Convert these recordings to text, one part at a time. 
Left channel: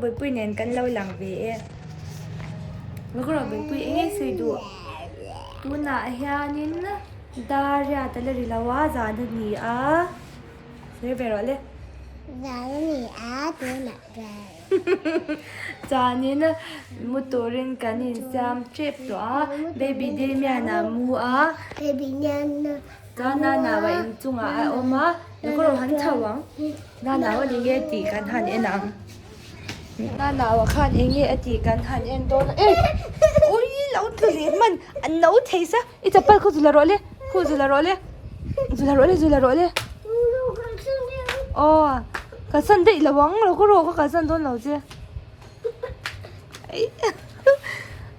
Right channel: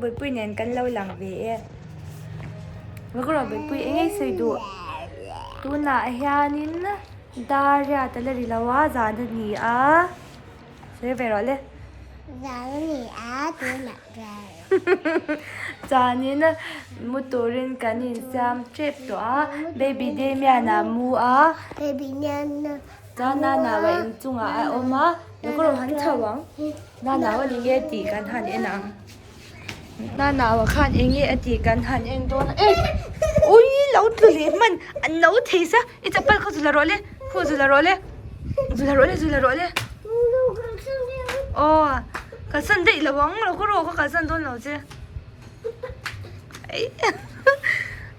bơi bơi nén cắn lâu lằng về nó có bơi bơi ấy xây đủ tu na hianin daria ta le rilawa zan ni a se ve ro le zan ni a tu na dai Zanin motorin kanin sam trip to a baby de mya na mu a baby nyan na na wa in chunga a oma nó có han thawang na wa ni nge ti kan han enang na wa khan eng nge ti kan han en don e ui lau tu le man an no theisa i chapal ko zula role ko zula role zula role oh ka san dei lawang ro ko ro ka san don lo je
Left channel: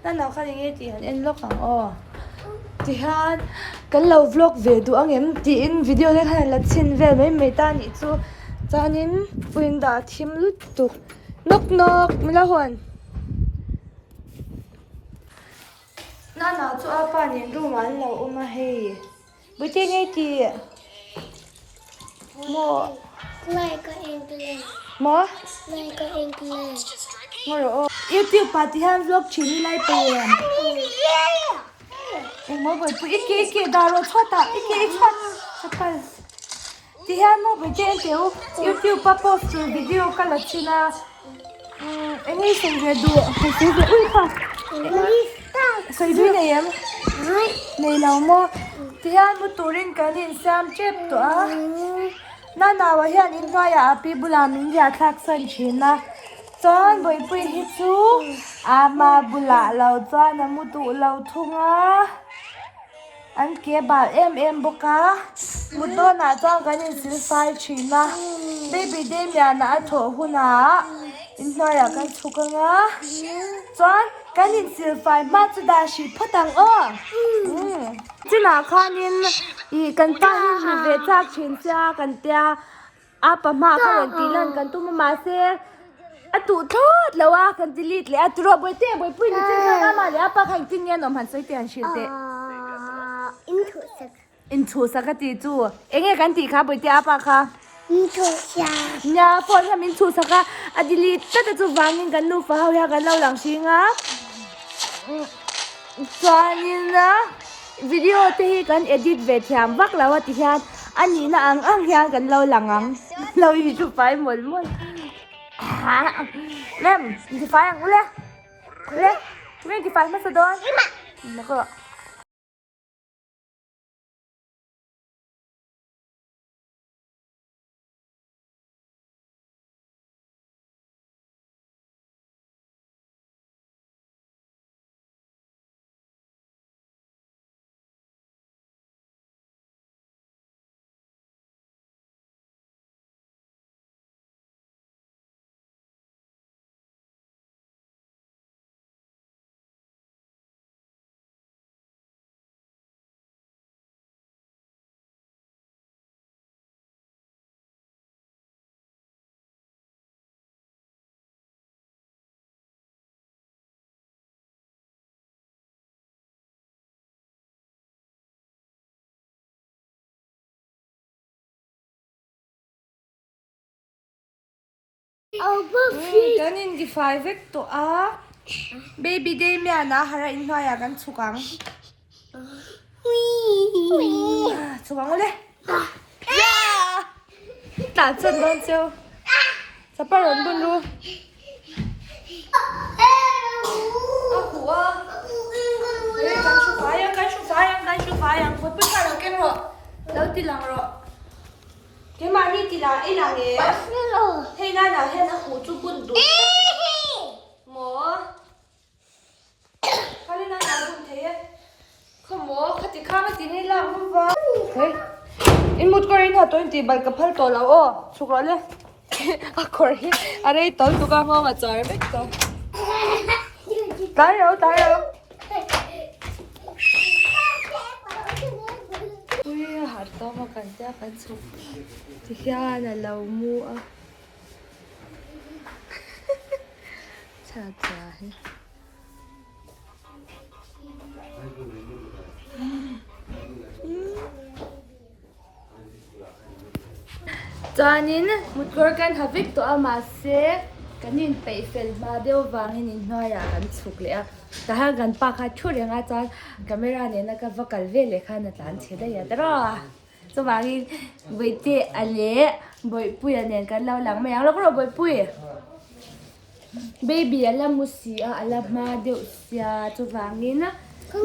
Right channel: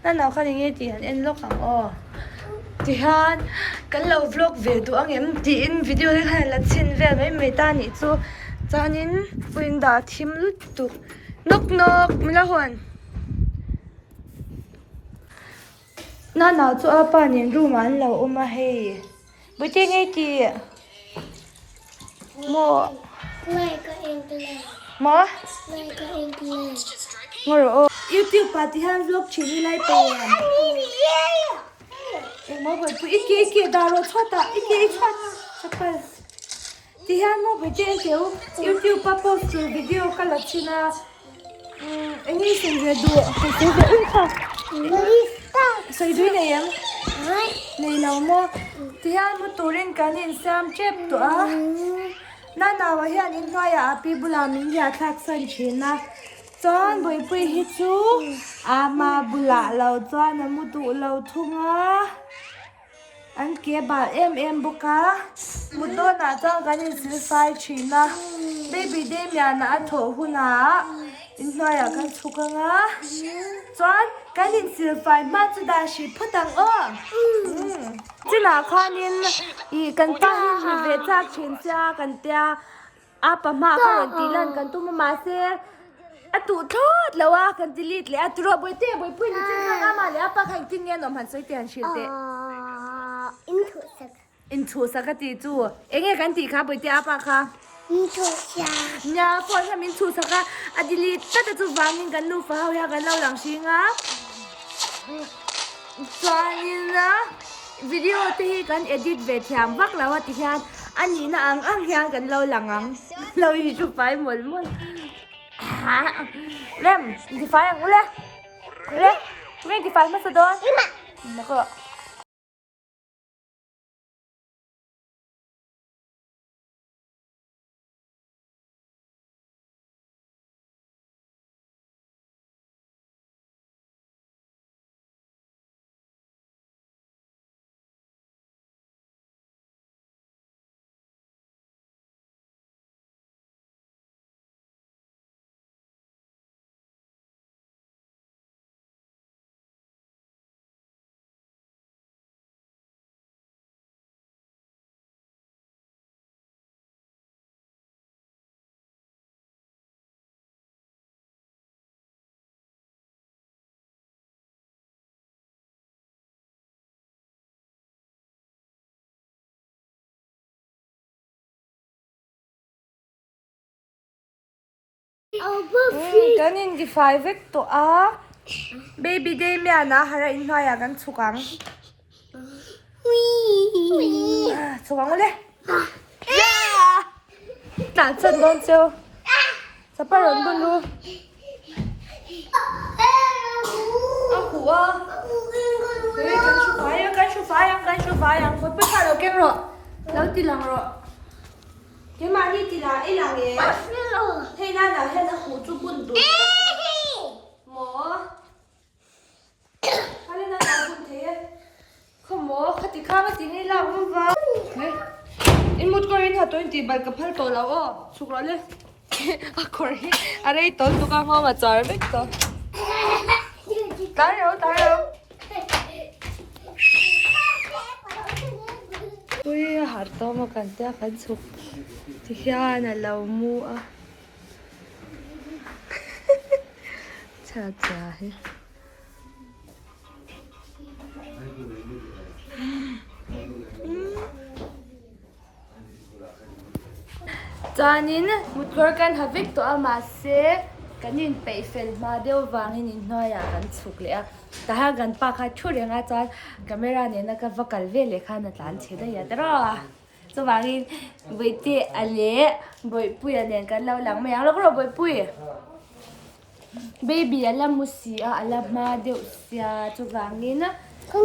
นั่นเราค่ะยังไงจีฮันเอ็นโลกของอ๋อจีฮันกันเราวล็อกวิดีโออังเอ็มจีอินวิดีโอเล็กขนาดละชิ้นเวลไม่ตานี่จูจานินฟินดาทิมลุดตุกนกไม่ละหวนนั่นเราจูอาปานินรู้มันเราอมาเฮบุตรยังไงจีโมไม่ก็เองเลย โม ไม่ก็เองเลย โมโรYouTube ปาฏิหาริย์วล็อกชิ้นไล่ไปโอ้โมเปิดอีกดาวน์โหลดช็อตอ่ะอีกช็อตช็อตไปที่ฮันโมเปิดเจนเดียว YouTube ปะโพสต์วิดีโอกันละชิ้นละอันนี้ส่งไปดูอุ้ยค่ะสวยด้วยเนี่ยในเราโมที่ฮันโมตัวเล่นกันเห็นซ้ำเจ็บตัวน่าว่าฮันอินก็อยากปีบุลามินอยากทักษะชิ้นนะจอนบ่อยไปฮิจูอามาบุลาเราจอนน้ำมุตุเราทุ่งอ่ะอันเก็บบาทบุกะมุดโดนอาจารย์กันยังสิไฟชินะได้ไปได้เมียนะโถหุนะอินทอยากกันชุกันอ่ะจอนกันยังสิไฟมาจุดาชิพตังจีน่าข้านินอีกันตั้งมีเวจากเชียนจ้ากันเตียอาปะมาเขาเรียนตีลันกันตุ้มมาเซอะตูทอดแล้วว่ากันจิลิดเลยอะตูรบวยเต้บวยปุ้ยนี่จริงๆมาเลยอะปะขันกินยันอมหันสุดเตียนชิลเต้อินทูสักตีจูเอ็งกันตีค่ะบวยเต้อะปะค่ะอินทูสักเนี่ยพอทำอินทูสักอะจิลิดแต่จูวางเงินกันนูฟ้าเขาอยากกันเล่าหลังชิงอ่ะตอนนี้นะวิดีโอที่กันเอดิตเวทีมวักแล้วว่าที่ฮันอันนี้นะอังฮันกันเล่าหลังเราอยู่ทุกฝ่ายหมดเล่มกี่ไฟอ่ะเล่เล่กี่ไฟมาสะดอนแล้วก็กันยินกี่ไฟเวกตัวเบบี้เดย์เมียนะฮาราอินทอยากันสุกังสุกังเลยตัดฉันโดนเจียวจะไปร้อนบุญรู้เอาหัวเฮ้ยกันชูฟ้ายังไม่ใช่เราเก่งหรอแล้วตีหลังหรอเดี๋ยวมานี่ตีหลังไอ้หลังเนี่ยให้หน้าหนาวให้หน้าหูจุบุญดูหมอเขาเล่นหน้าหนาวบุญเทเขาหมอเขาติดข้าวมาตีนี่หลังมั้งวะเฮ้ยอินมุดก็รินหาตัวอินตีบัลกับพัลตัวเราอ๋อสุกแล้วเลยอะคอรีอะไรตอนตุกางมาจ่ายไปต่อตายแล้วอุ้ยหาตัวมากันเจ้ากันสุกที่ยาน่ะเรามัวชาใจจานินมุดกอร์กันฮับวิกตัวอามาเซ กันนินไปเฟลมาเดียววางให้นินน้อยกันสุกเลยอ่ะแต่ถ้ากันปากขาดช่วยยังไงจอนกันไม่ได้เนี่ยนะก็ว่ากันเวเลยค่ะนะจานเชื่อได้ยังแต่รอจะวางให้ใบเตะอะไรใบปุยอันนี้กันเราหลังไม่ยังแล้วก็เราใบปุยเบบี้อะไรมุสีอะไรมาเดียวเสียจะวางนี้นะ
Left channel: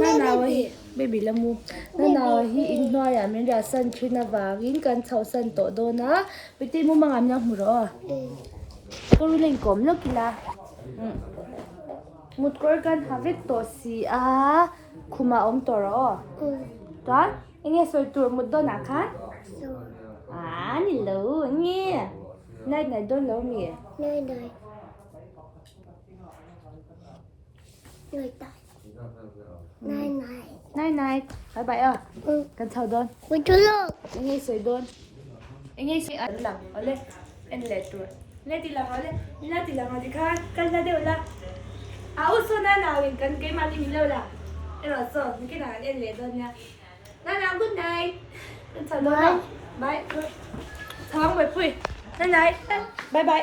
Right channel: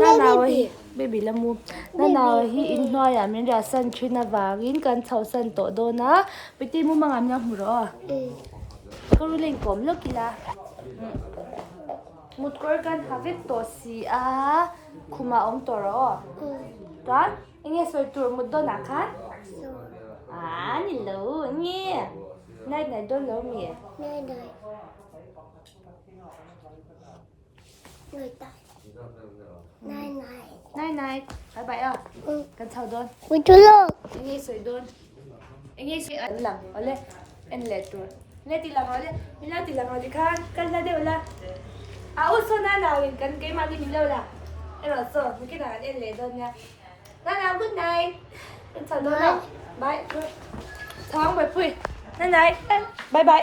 น่าหนาวฮิเบบี้ละมุน่าหนาวฮิอินน้อยอ่ะมันจะสั่นชุนวางอินกันเท่าสั่นโตโดนะไปเตะมุมังอันยังหัวเราะก็รู้เรื่องกลมแล้วกี่ละมุดกอร์กันหาเวทตัวสีคุมาตัวรอตอนยังสวยตัวมุดโดนนักขันนี่รู้เนี่ยนายโดนแล้วมีนายบายกันเท่าโดนวิจุโลกยังสวยโดนยังสวยอันหลังเอาเลยอันเล็กตัวเล็กตีหลังเอาเลยมีหน้าตีหลังเอาดิค่ะกันน่าเดียวละเอาโซน่าหนาวเองกันเกมมาลีมีแล้วละเอ็นว่าโซนี่ก็หนาวเอ็นเล็กโดนเนี่ยน่าหนาวกุ๊ดไนท์กันเท่าโดนละบายท้องไปปุ้ยนั่นไงบาย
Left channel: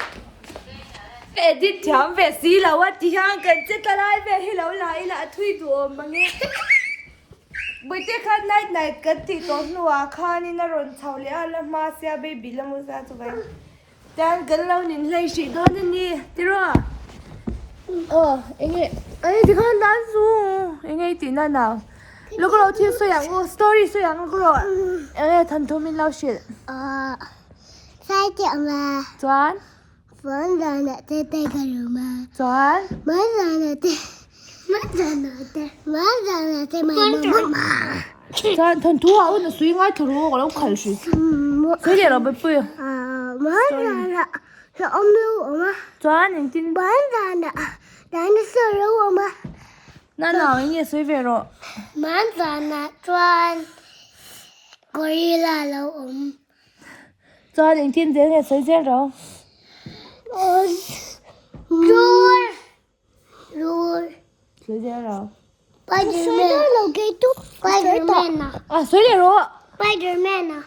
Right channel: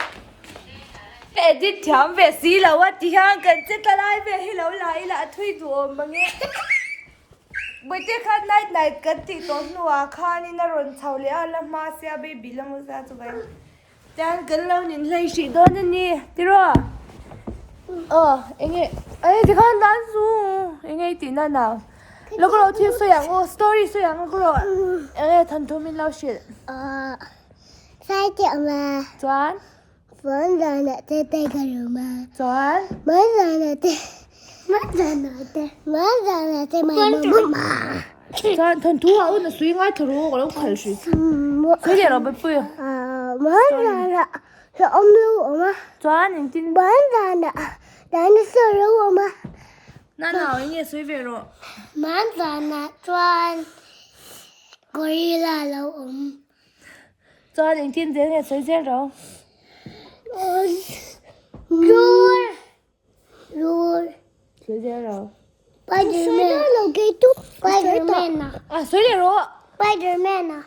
เอ็ดดิถามเวสีแล้วว่าที่ห้างกันจะตลายเวให้เราไหลละทุยตัวมังเงี้ยบุตรขัดไหนกันที่ต้นหัวข้านี่น่ารอนเท่าเลยละมาเสียเบบี้ละมุสาจุบันแต่กันเราหนึ่งเลยสิโดนนี่ที่รอยังไงไอ้ที่ข้างด้านสูยังไงที่นั่นน่ะแล้วก็เราที่สวยงสตอรี่สวยงก็เราทันทุมินเราสิใส่เจ้ามาจวนฝนจานน่ะเตะกันรู้มาจวนมาจานน่ะเตะมาจานน่ะเตะมาจวนทันทุอุ่นสวยงามทุรู้ก็เราขันสิสวยเราไปปุ้ยมาจานน่ะจะอมรู้มาจวนจริงมาจานน่ะแต่นี่สวยรู้มานั่นเราเนี่ยสวยเวรมาจานน่ะจวนกอริลลาเราจวนจริงๆเนี่ยสวยเจ้าเราRoar. สวยเจ้าเรา Spider-Man. Spider-Man นะสวยเลยรู้ Spider-Man นะ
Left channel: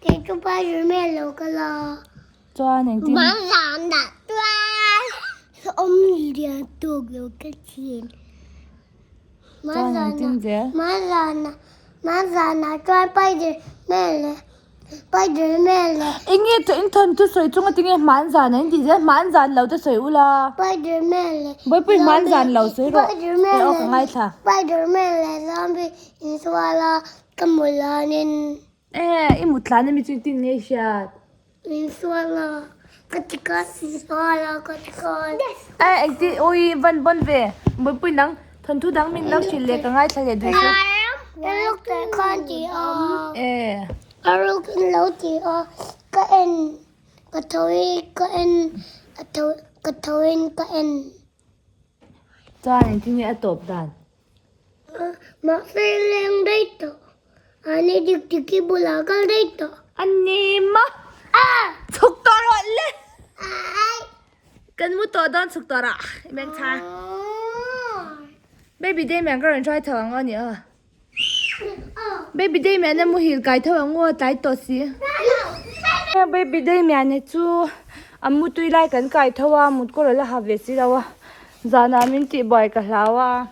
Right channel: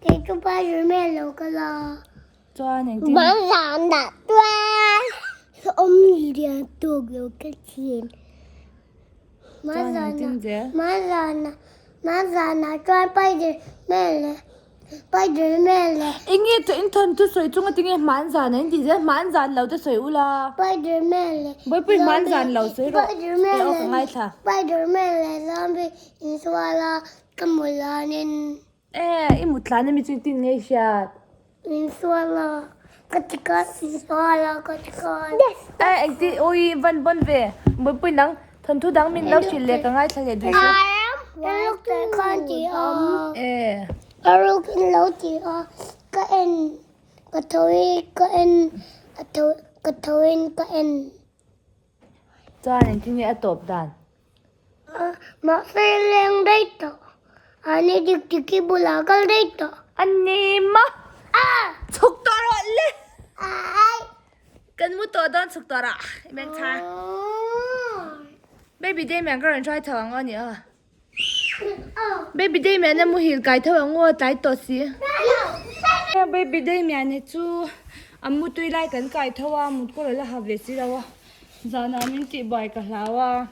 เกิดกับ Spider-Man เราก็รอจวนจริงๆมาจานน่ะจวนอมเรียนตัวเราก็เทียนมาจานน่ะจวนไปเดินแม่เลยSpider-Man เลยingin tu inton tu soi chung atinge manzan nei di je manzan lo te soi ula Spider-Man เลย boi pui manzan lo soi ro Spider-Man เลย ngai tha Spider-Man เลย zombie inswala kamulanin imutlan mi chu tin ngai shat inswala katika inswala katika ai ti oi van bon ve boi pui nang thon thu dang min lo chile ka ngai tha le du look the country Aruk in Loti or Kain Katoi Kain Katoin Kain จ้าจริงๆเนี่ยตบดันมาเฟลงได้ต่ออันนี้ดิกบุลากัลได้ต่ออันนี้มาสุกตระเลยกันมุตตอนสุกตระแม่งช้าเบบี้ได้แม่งก็人ช่วยทางอ่ะเนี่ยbaby day mẹ nó mua hiểu cái thôi ngô trái tổ xí baby day mẹ này chú mua tui lại cái thôi một cô là học về xí đâu giờ nào mình chỉ bồi cả lão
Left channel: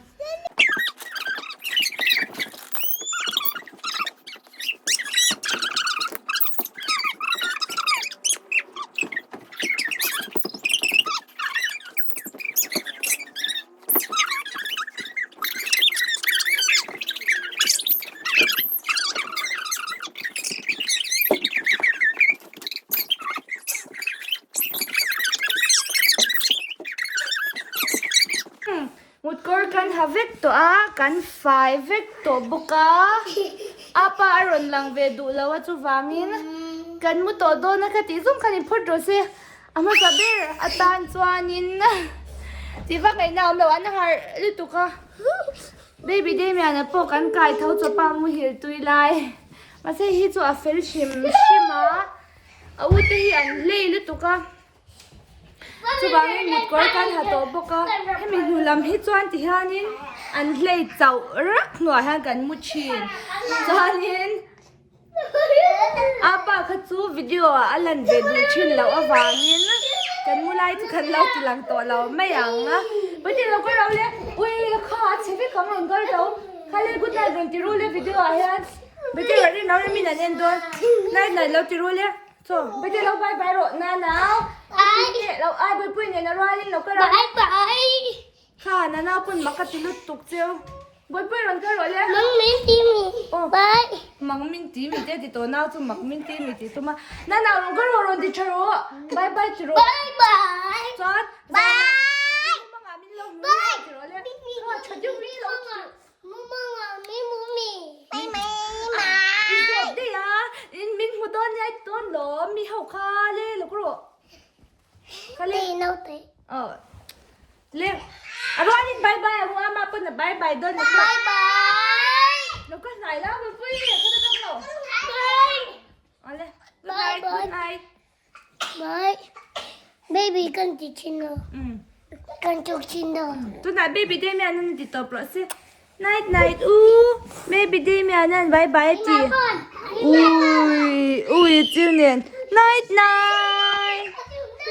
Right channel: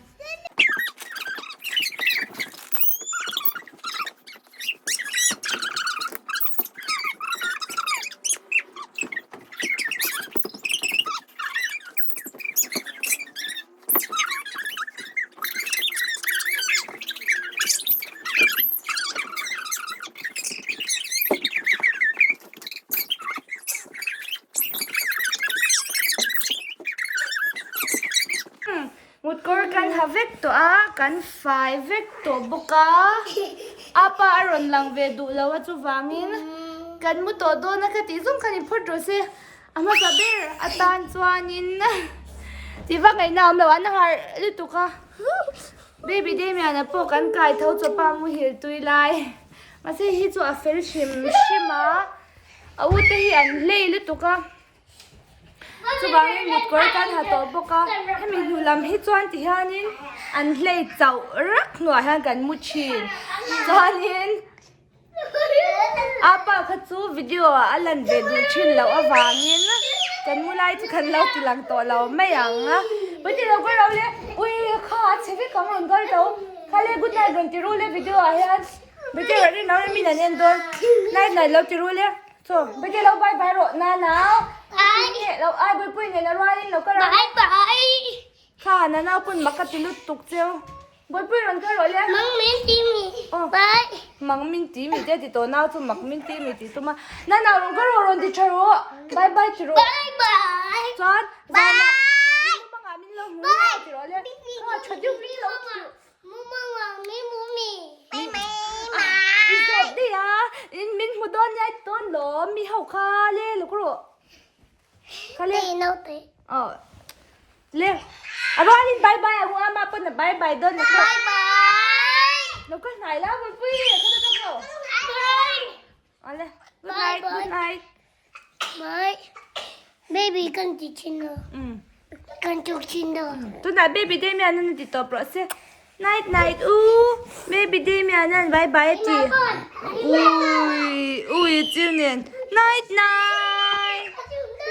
một cô kan havek to kan fai vek to boka apa aron lang ve du lawa chu wangin kan mu to do na khati zum khani phot ro se ama saber atan chuanin ti va ngai nam lawan har li tu ka baby day me ana po kan kai thau chu pa mu hil tui lai ma se hi chu a fel shima au te hi an lei li tu ka chu bangin mut kor kan ha to boka hemi hulam hi chuan ti hanin an hlei chau rak nuai han kan mu chin chuanin apa kha chu video alan ve du chin lo awangin กันมูไลที่กันเราตีหลังตัวเราไม่อย่างนะวันที่เราก็เราเลยอุ้ยข้าเชฟกำลังก็เราข้าเลยกูได้โดนตีรู้เลยวิดีโออะไรวันที่เราเนี่ยน้องมีแต่เนี่ยโดนไหนเราตีรู้เลยโซ่วันที่เราบายบายรถหนาวเนี่ยเราไอ้ปุ้ยเนี่ยนะว่านี่เราก็เรา Bye. ข้าหนาวปุ่นมักกะติลุตุกเจียวปุ้ยเราก็เราเลย Mong miếng chim gì? Bye. มังมินตีมีเจติตัวน้าจุมักมินตีมีติตัวมาหนาวเราก็เราดิชารุบายบายจิรุ Bye bye. จอน Bye. มังอามินลงมือจิรุเลยฉันยุ่งนี่เรา อีกแบบเดียมินหัวต้นยัยต้นหลอมีเห่าคาเล่ลูกรู้คาเล่เล่อะไรนี่บายบายหัวมาปุ่นบายบายต้นนะแล้วก็ไหนแล้วมันฟุ้ยเขาจะต้องเราอะไร Bye. Baby con chị chino. Con chụp chino. ตัวไหนเบบี้เดมี่อันนั้นติดต่อโปรเซส night เบบี้เดมี่อันนั้นบายบายจีอุ้ยจิวเนี่ย night